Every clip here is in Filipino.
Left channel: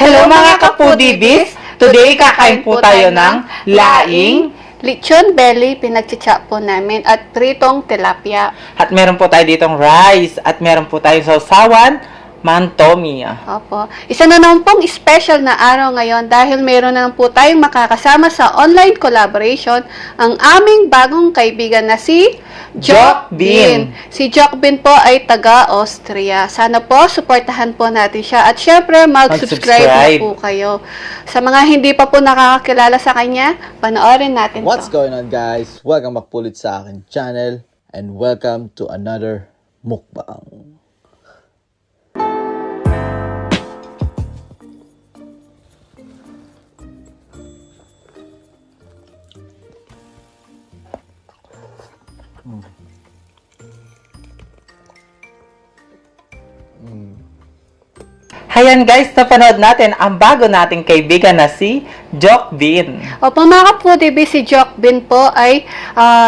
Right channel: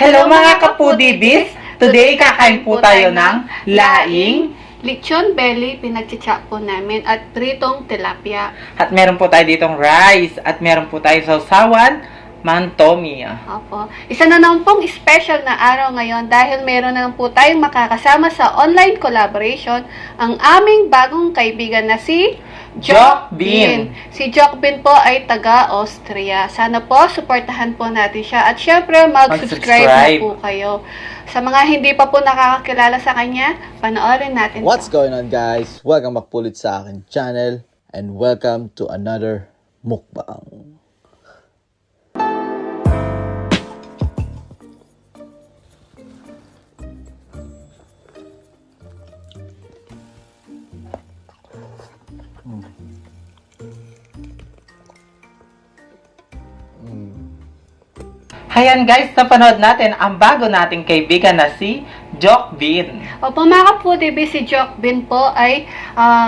Hello mga ka-Foodie Bees! Today kakain po tayo ng laing, lechon belly, pinagtsatsa po namin, at pritong tilapia. at meron po tayo ditong rice, at meron po tayo sausawan, mantomi. Opo. Isa na naman pong special na araw ngayon dahil meron na po tayong makakasama sa online collaboration ang aming bagong kaibigan na si Jokbin. Si Jokbin po ay taga-Austria. Sana po suportahan po natin siya at syempre mag-subscribe na po kayo. Sa mga hindi pa po nakakakilala sa kanya, panoorin natin What's po. going on, guys? Welcome back po ulit sa akin channel and welcome to another mukbang. Hayan guys, napanood natin ang bago nating kaibigan na si Jokbin. Opo mga ka-Foodie Bee, si Jokbin po ay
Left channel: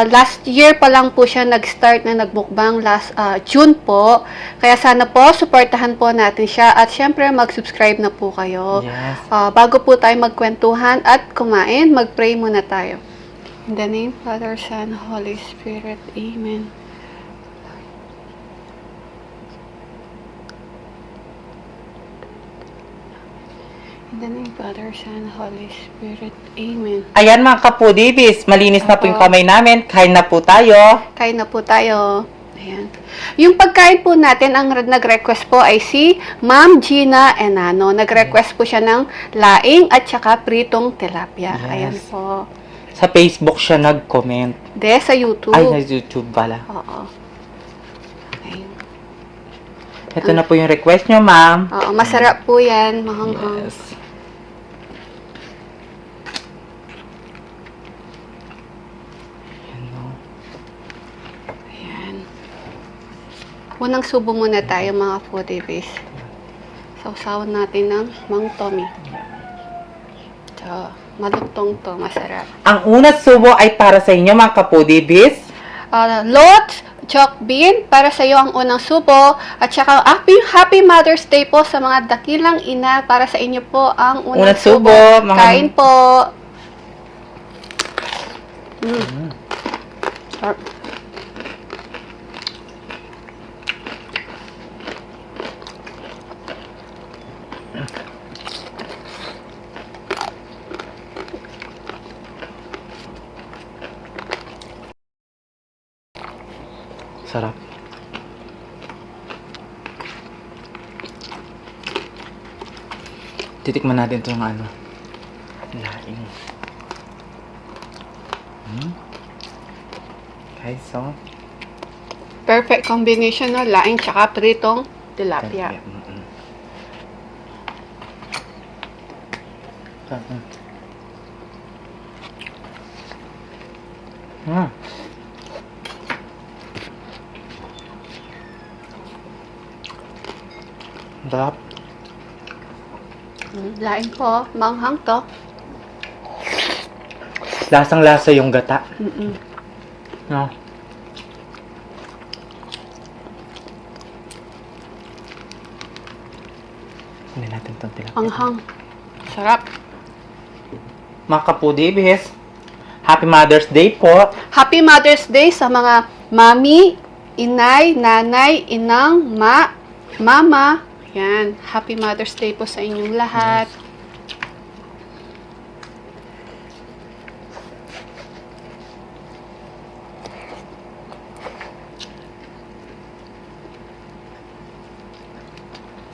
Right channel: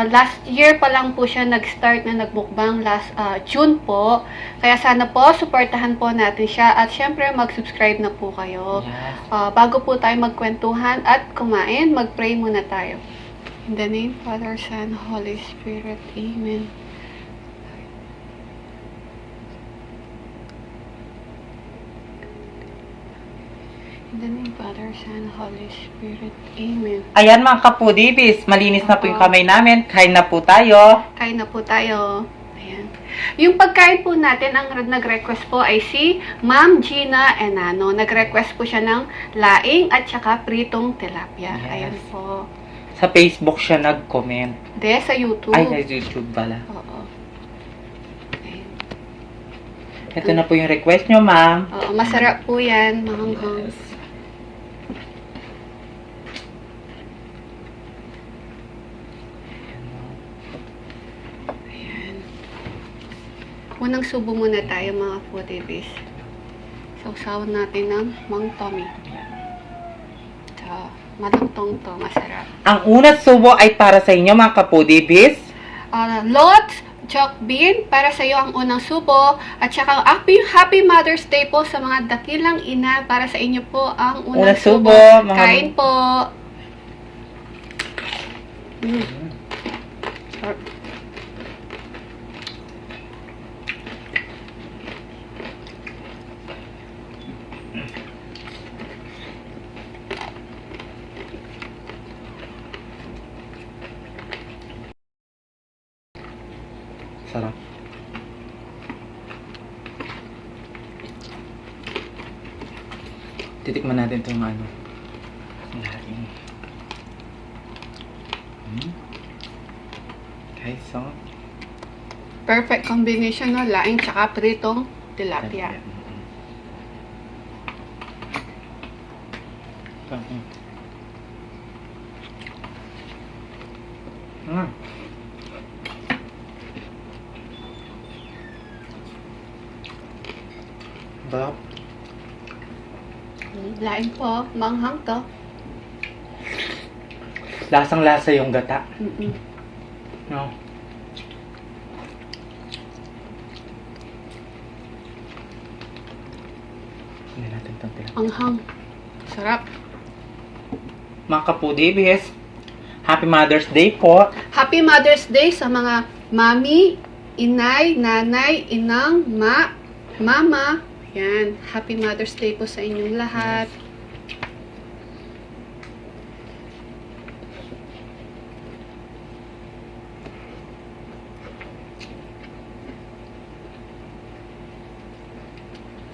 last year pa lang po siya nag-start na nagbukbang last June po. Kaya sana po, supportahan po natin siya at syempre mag-subscribe na po kayo. Yes. Bago po tayo magkwentuhan at kumain, mag-pray muna tayo. In the name of Father, Son, Holy Spirit. Amen. In the name of Father, Son, Holy Spirit. Amen. Ayan mga ka-Foodie Bees, malinis na po yung kamay namin. Kain na po tayo. Kain na po tayo. Ayan. Yung pagkain po natin, ang nag-request po ay si Ma'am Gina Enano. Nag-request po siya ng laing at saka pritong tilapia. Yes. Ayan po. Sa Facebook siya nag-comment. De, sa YouTube. Ay, sa YouTube pala. Oo. Ayan. Ito na po yung request nyo, ma'am. Oo, masarap po yan. Mahanghang. Yes. Ayan. Unang subo muna tayo mga Foodie Bees. Sausawan natin ng Mang Tommy. Ito. Malutong to. Masarap. Ang unang subo ay para sa inyo mga ka-Foodie Bees. Lot, Jokbin, para sa iyo ang unang subo. At saka happy Mother's Day po sa mga dakilang ina. Para sa inyo po ang unang subo. Kain po. Sarap. Sarap. Titikman natin itong ano. Laing. Okay, so. Perfect combination ng laing tsaka pritong tilapia. Sarap. Laing po, manghang to. Lasang-lasa yung gata. No. Hindi natin itong tilapia. Manghang. Sarap. Mga ka-Foodie Bees, Happy Mother's Day po. Happy Mother's Day sa mga mami, inay, nanay, inang, mama. Yan. Happy Mother's Day po sa inyong lahat.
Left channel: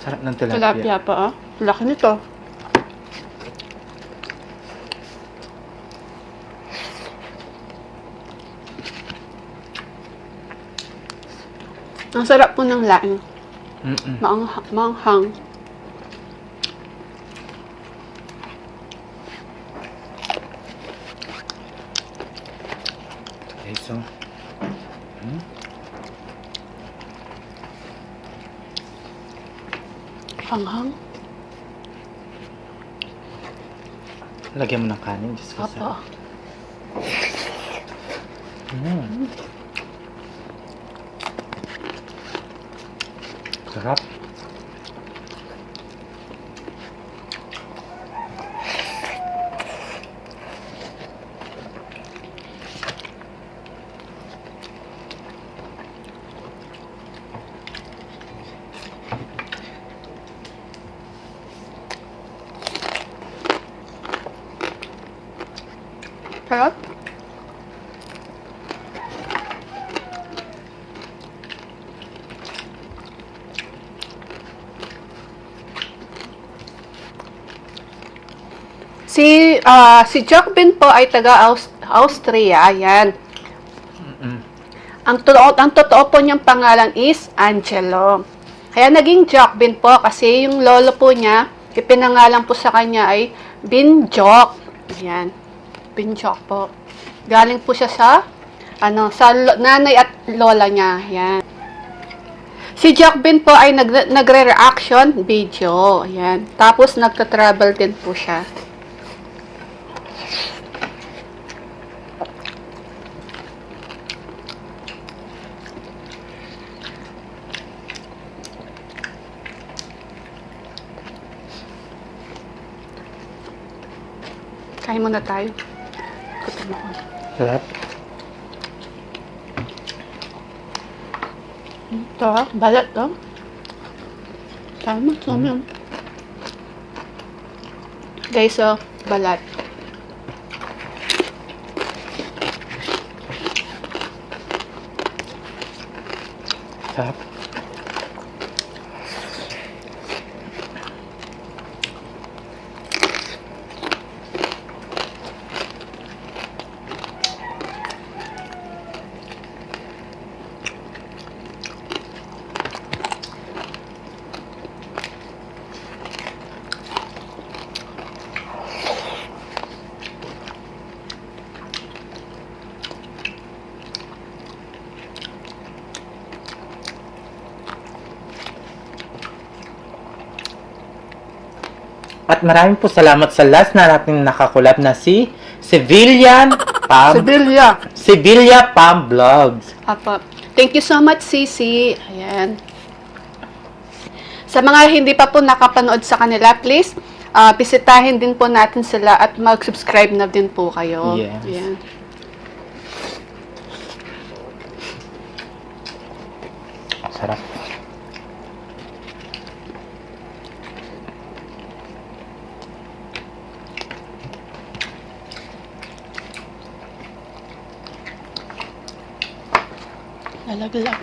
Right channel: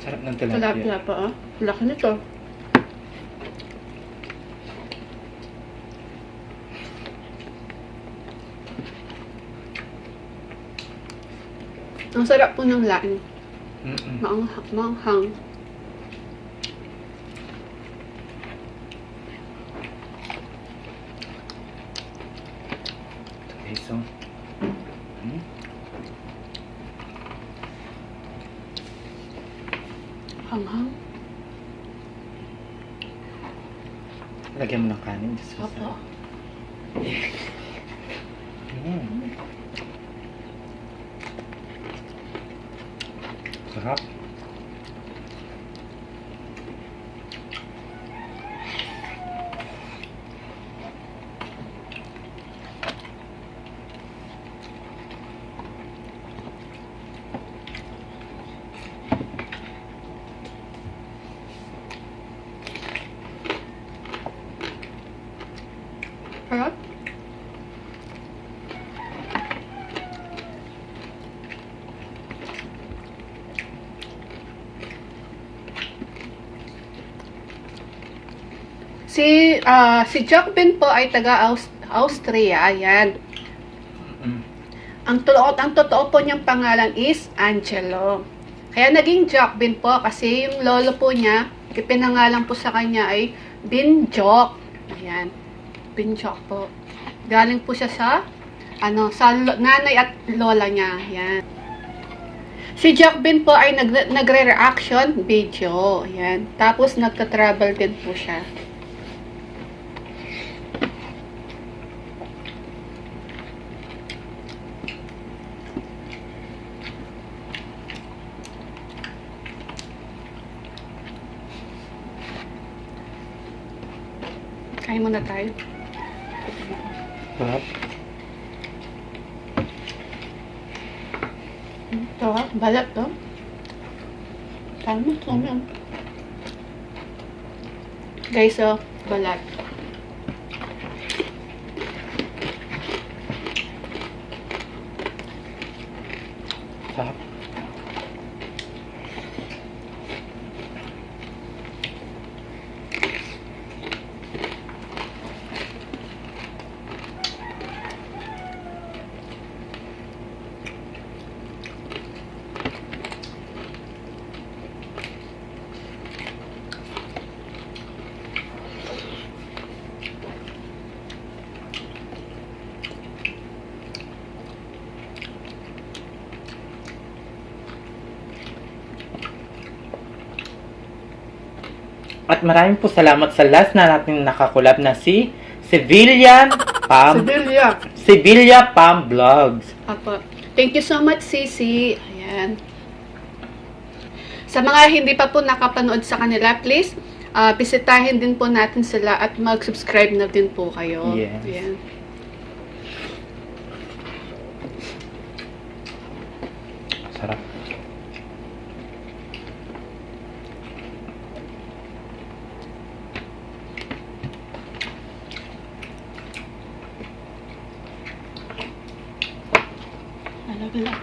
Sarap ng tilapia. Tilapia pa, ah. Laki nito. Ang sarap po ng laing. Maanghang. Okay, so. Anghang. Lagyan mo ng kanin. Diyos ko, Opo. sarap. Sarap. Sarap. Si Jokbin po ay taga Austria. Ayan. Ang totoo po niyang pangalan is Angelo. Kaya naging Jokbin po kasi yung lolo po niya, ipinangalan po sa kanya ay Binjok. Ayan. Binjok po. Galing po siya sa nanay at lola niya. Ayan. Si Jokbin po ay nagre-reaction video. Ayan. Tapos nagta-travel din po siya. Kain muna tayo. Sarap. Ito, balat to. Tama. Guys, balat. Sarap. At maraming po salamat sa last na natin nakakulab na si Civilian Pam Vlogs. Apo. Thank you so much, Sisi. Ayan. Sa mga hindi pa po nakapanood sa kanila, please, bisitahin din po natin sila at mag-subscribe na din po kayo. Yes. Ayan. Sarap. Lalaglag.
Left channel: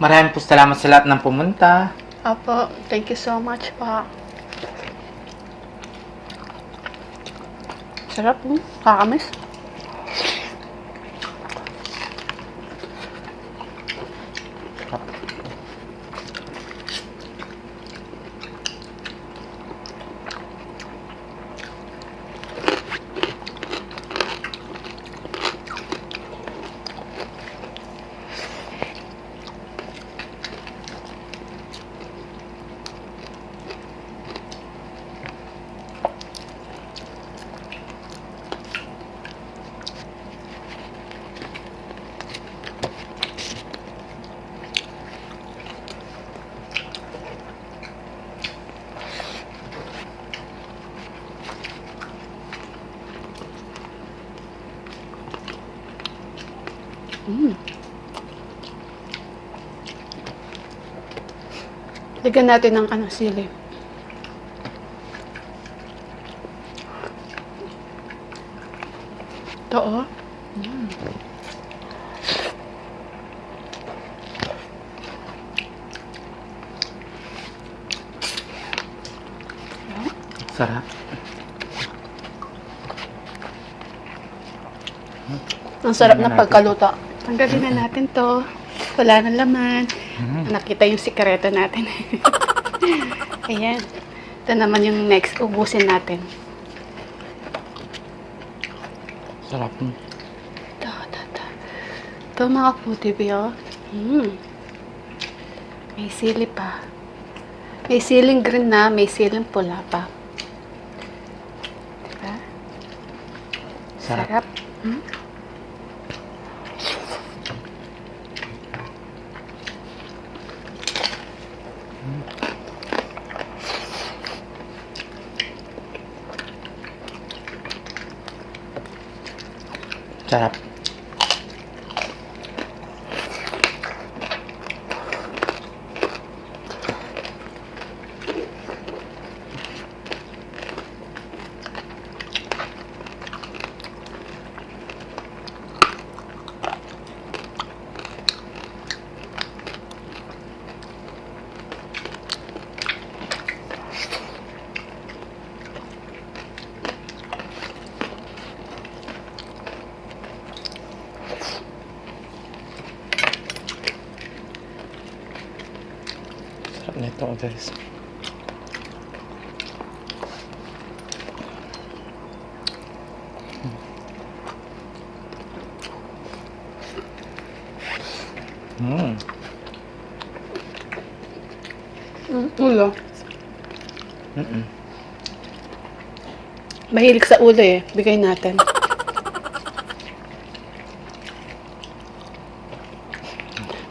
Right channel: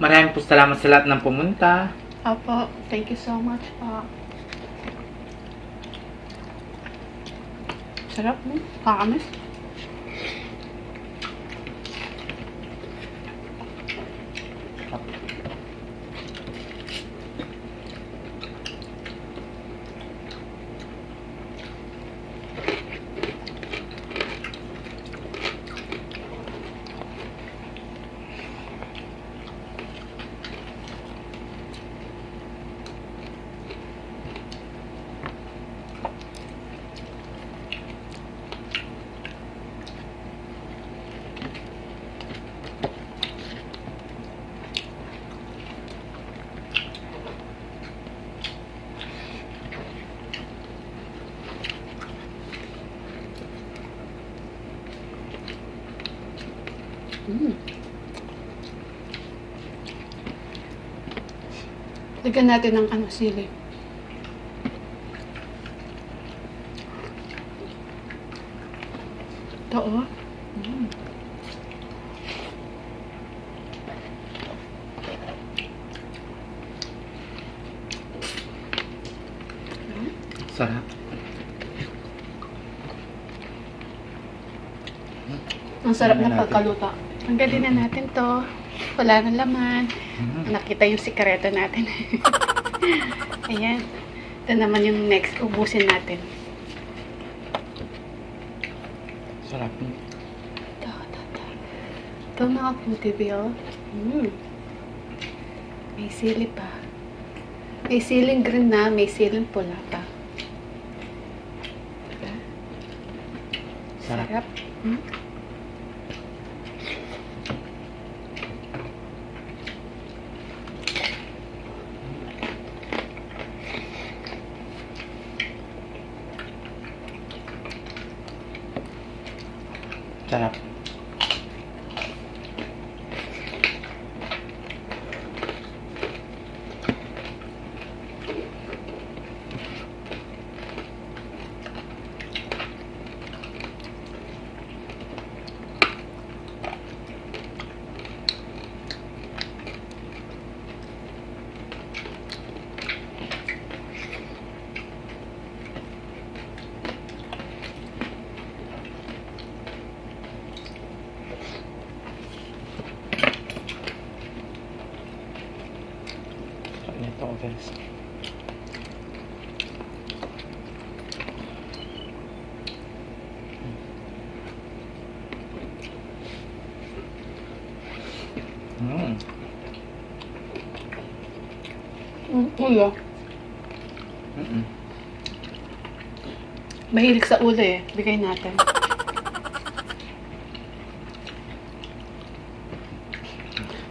Maraming po salamat sa lahat ng pumunta. Apo. Thank you so much po. Sarap. Kakamis. Lagyan natin ng sili. Ito, oh. Sarap. Ang sarap na pagkaluto. Tanggalin na natin to. Wala na laman. Nakita yung sikreto natin. Ayan. Ito naman yung next. Ubusin natin. Sarap. Ito mga Foodie Bee, oh. May sili pa. May siling green na, may siling pula pa. Diba? Sarap. Sarap. Sarap. guys. Ulo. Mm-mm. Mahilig sa ulo eh. Bigay natin.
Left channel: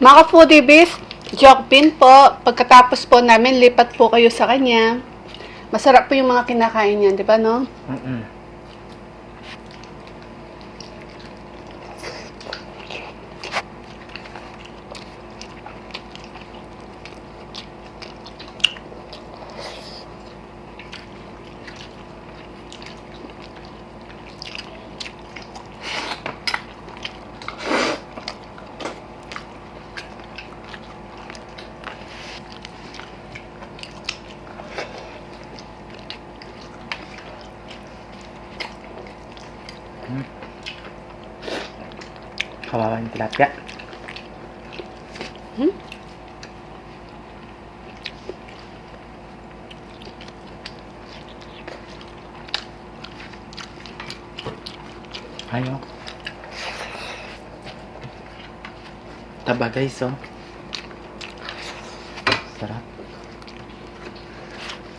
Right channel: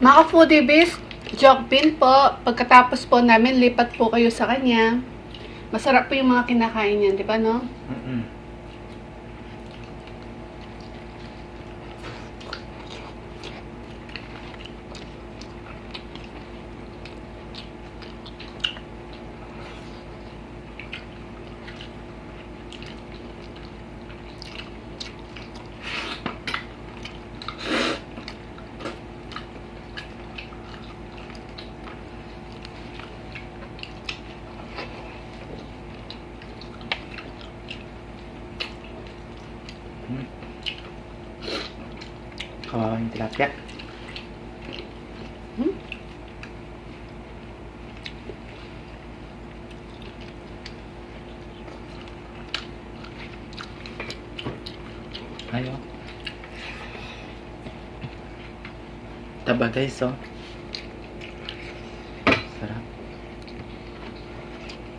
Mga foodie bees, joke bin po. Pagkatapos po namin, lipat po kayo sa kanya. Masarap po yung mga kinakain niya, di ba, no? Mm-mm. Kawawa yung tilapia. Ayaw. Taba guys, oh. Sarap.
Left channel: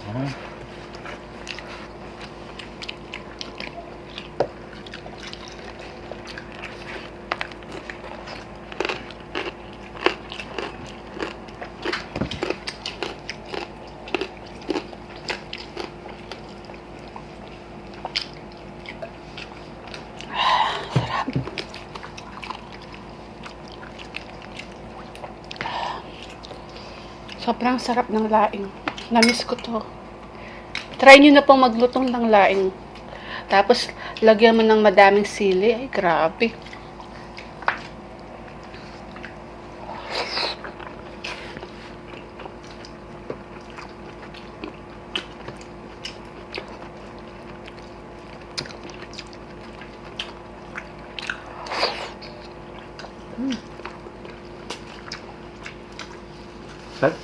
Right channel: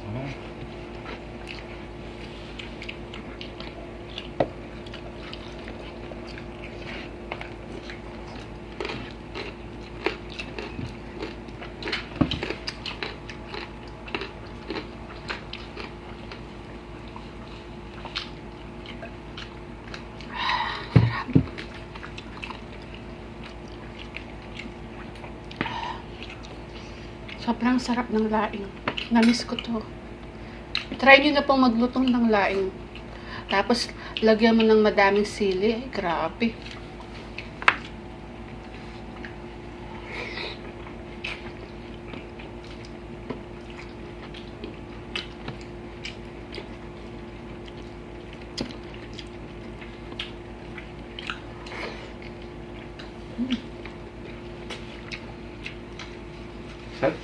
Sarap. Sobrang sarap ng laing. Namiss ko to. Try nyo na pong maglutong ng laing. Tapos, lagyan mo ng madaming sili. Ay, grabe.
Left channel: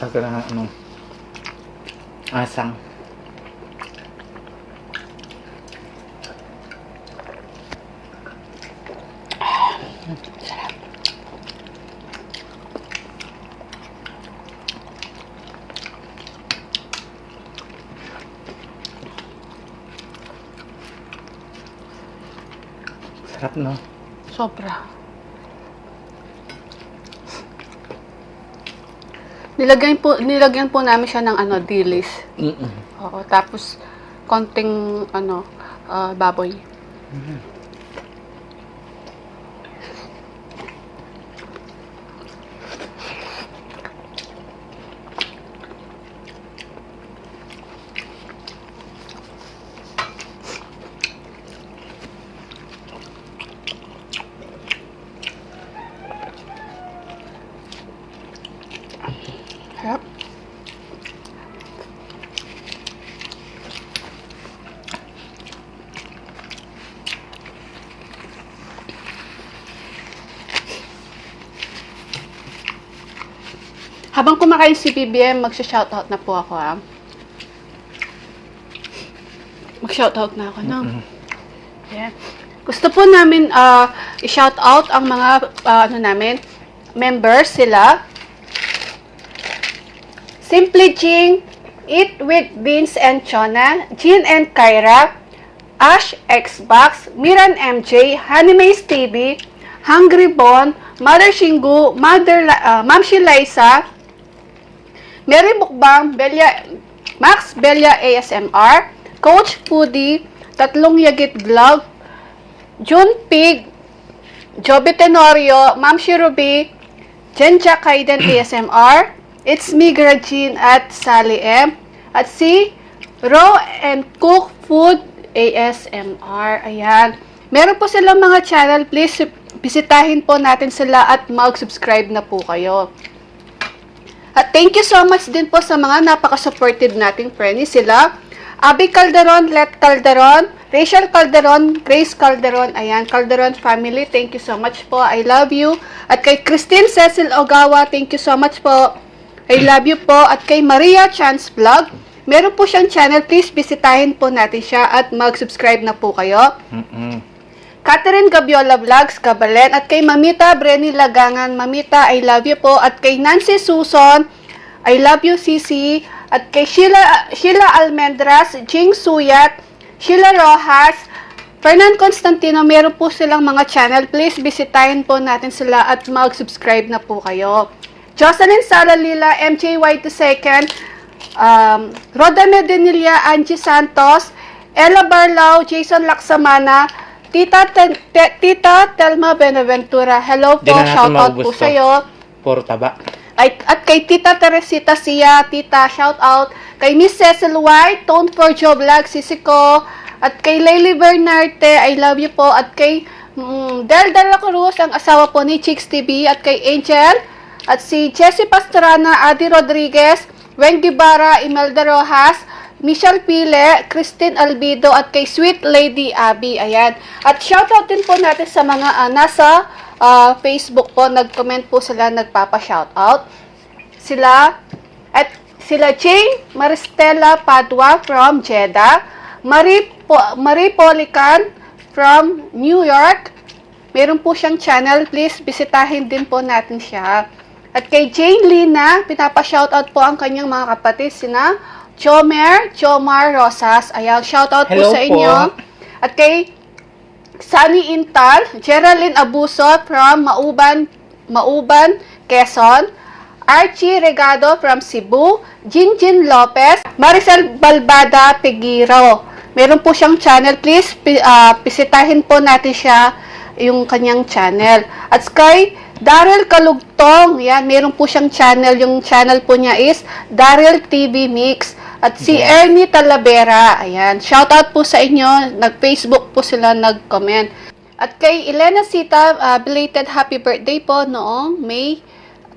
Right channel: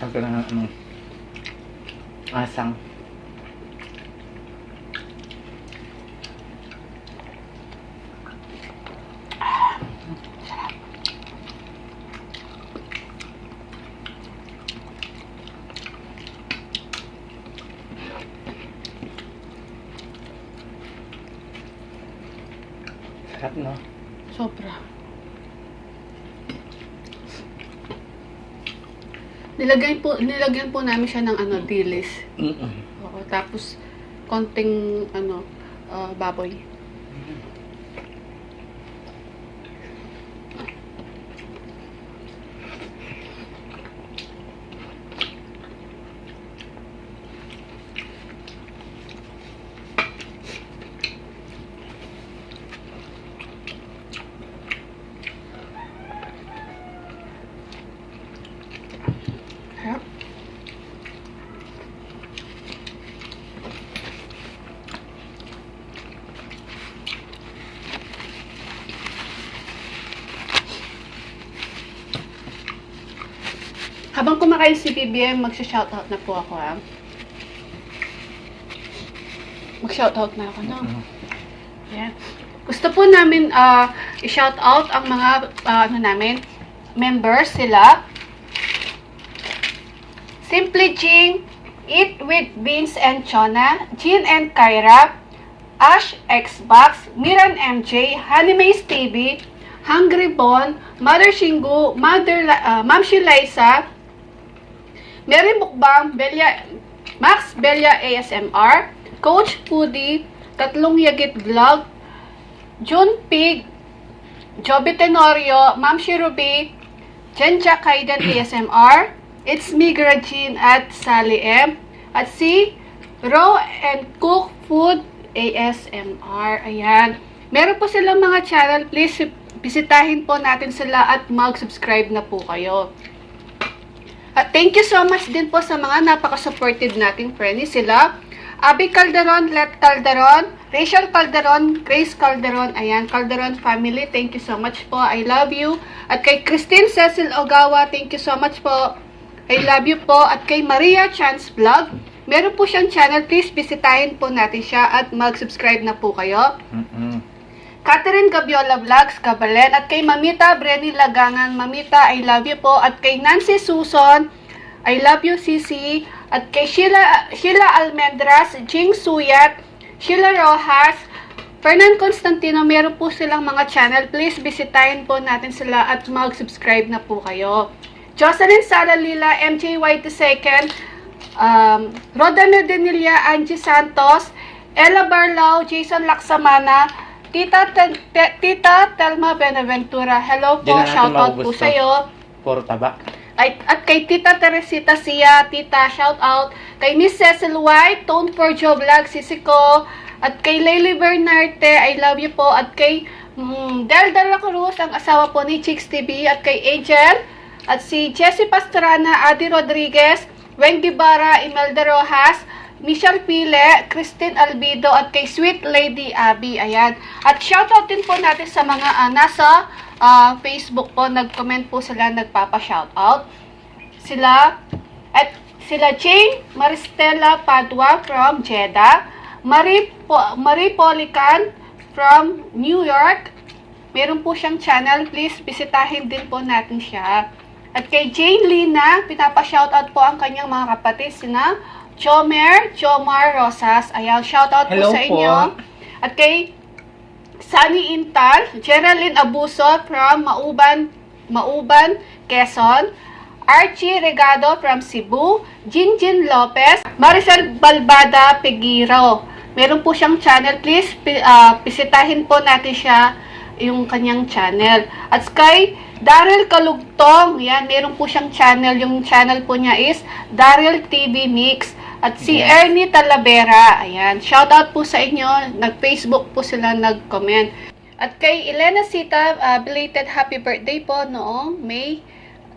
Tagal na ng asang. Sarap, no? Sobra. Nilagyan po namin siya ng dilis. Oo, tapos konting baboy. Sarap. Habang kumakain si BBM, magsha-shoutout na po ako, ha. Mag-shoutout na ako, no? Yeah. Gusto po namin i-shoutout ang mga members sila. Simply Jing, Eat with Beans and Chona, Jean and Kyra, Ash Xbox, Miran MJ, Hanimays TV, Hungry Bon, Mother Shingu, Mamshi Liza, Mary Mukbang, Max Belia ASMR, Coach Foodie, Tatlong Yagit Vlog, June Pig, Joby Tenorio, Mamshi Ruby, Jenja Kaiden ASMR, It's me, Grajin at Sally M. At si Raw and Cook Food ASMR. Ayan. Meron po silang mga channel. Please, bisitahin po natin sila at mag-subscribe na po kayo. At thank you so much din po sa mga napaka-supportive nating friends. Sila, Abby Calderon, Let Calderon, Rachel Calderon, Grace Calderon. Ayan, Calderon family. Thank you so much po. I love you. At kay Christine Cecil Ogawa, thank you so much po. I love you po. At kay Maria Chance Vlog, meron po siyang channel. Please bisitahin po natin siya at mag-subscribe na po kayo. Catherine Gabiola Vlogs, Kabalen. At kay Mamita Brenny Lagangan, Mamita, I love you po. At kay Nancy Suson, I love you, Sisi. At kay Sheila Almendras, Jing Suyat, Sheila Rojas, Fernan Constantino, meron po silang mga channel. Please bisitahin po natin sila at mag-subscribe na po kayo. Jocelyn Salalila, MJYT2, Roda Medinilla, Angie Santos, Ella Barlao, Jason Laksamana, Tita Telma Benaventura. Hello po, shoutout po sa iyo. Puro taba. At kay Tita Teresita Sia, Tita, shoutout. Kay Miss Cecil White, Tone for Joe Vlog, Sisiko. At kay Layli Bernarte, I love you po. At kay Del Dela Cruz, ang asawa po ni Chicks TV. At kay Angel. At si Jessie Pastrana, Adi Rodriguez, Wen Guevara, Imelda Rojas, Michelle Pile, Christine Albido, at kay Sweet Lady Abby. Ayan. At shoutout din po natin sa mga nasa Facebook po. Nag-comment po sila, nagpapa-shoutout. Sila Jane Maristela Padua from Jeddah. Marie Polican from New York. Meron po siyang channel. Please, bisitahin din po natin siya. At kay Jane Lina, pinapa-shoutout po ang kanyang mga kapatid, sina Jomar Rosas. Ayan, shoutout po Hello sa inyo. po. At kay Sunny Intal, Geraldine Abuso from Mauban, Quezon. Archie Regado from Cebu, Jinjin Lopez, Maricel Balbada Pegiro. Meron po siyang channel. Please, bisitahin po natin siya, yung kanyang channel. At kay Daryl Kalugtong, yan, meron po siyang channel. Yung channel po niya is Daryl TV Mix. At si Ernie Talavera, ayan, shoutout po sa inyo. Nag-Facebook po sila, nag-comment. At kay Elena Sita, belated happy birthday po noong May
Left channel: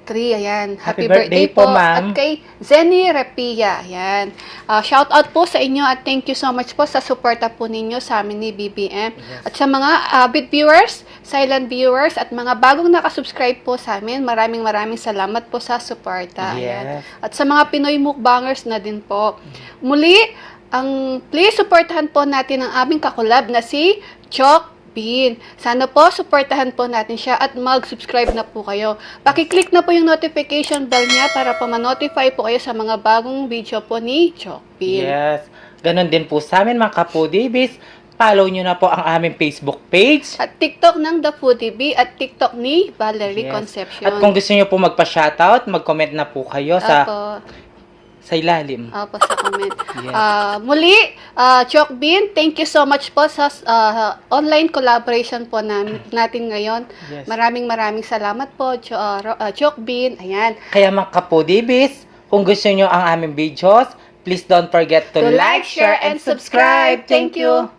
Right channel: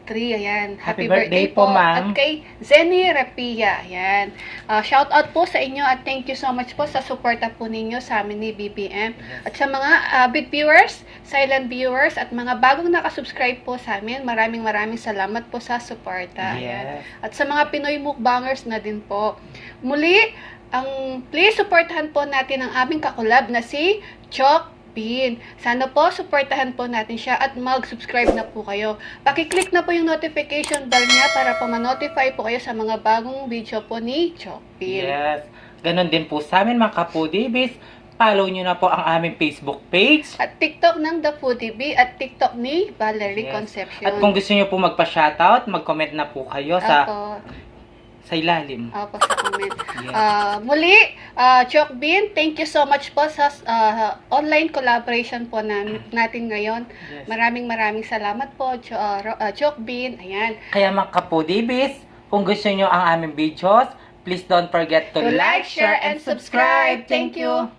3, ayan. Happy birthday po, ma'am. At kay Zenny Rapia, ayan. Shout out po sa inyo at thank you so much po sa suporta po ninyo sa amin ni BBM. Yes. At sa mga big viewers, silent viewers, at mga bagong nakasubscribe po sa amin, maraming salamat po sa suporta. Ayan. Yes. At sa mga Pinoy mukbangers na din po. Muli, please suportahan po natin ang aming kakulab na si Chok Bin. Sana po, suportahan po natin siya at mag-subscribe na po kayo. Pakiclick na po yung notification bell niya para po ma-notify po kayo sa mga bagong video po ni Chok Bin. Yes. Ganon din po sa amin mga ka-Foodie Bees. Follow nyo na po ang aming Facebook page. At TikTok ng The Foodie Bee at TikTok ni Valerie Yes. Concepcion. At kung gusto nyo po magpa-shoutout, mag-comment na po kayo sa ilalim. Opo, sa comment. Yes. Muli, Chok Bin, thank you so much po sa online collaboration po natin ngayon. Yes. Maraming salamat po, Chok Bin. Ayan. Kaya mga ka-Foodie Bees, kung gusto nyo ang aming videos, please don't forget to like, share, and subscribe. Thank you!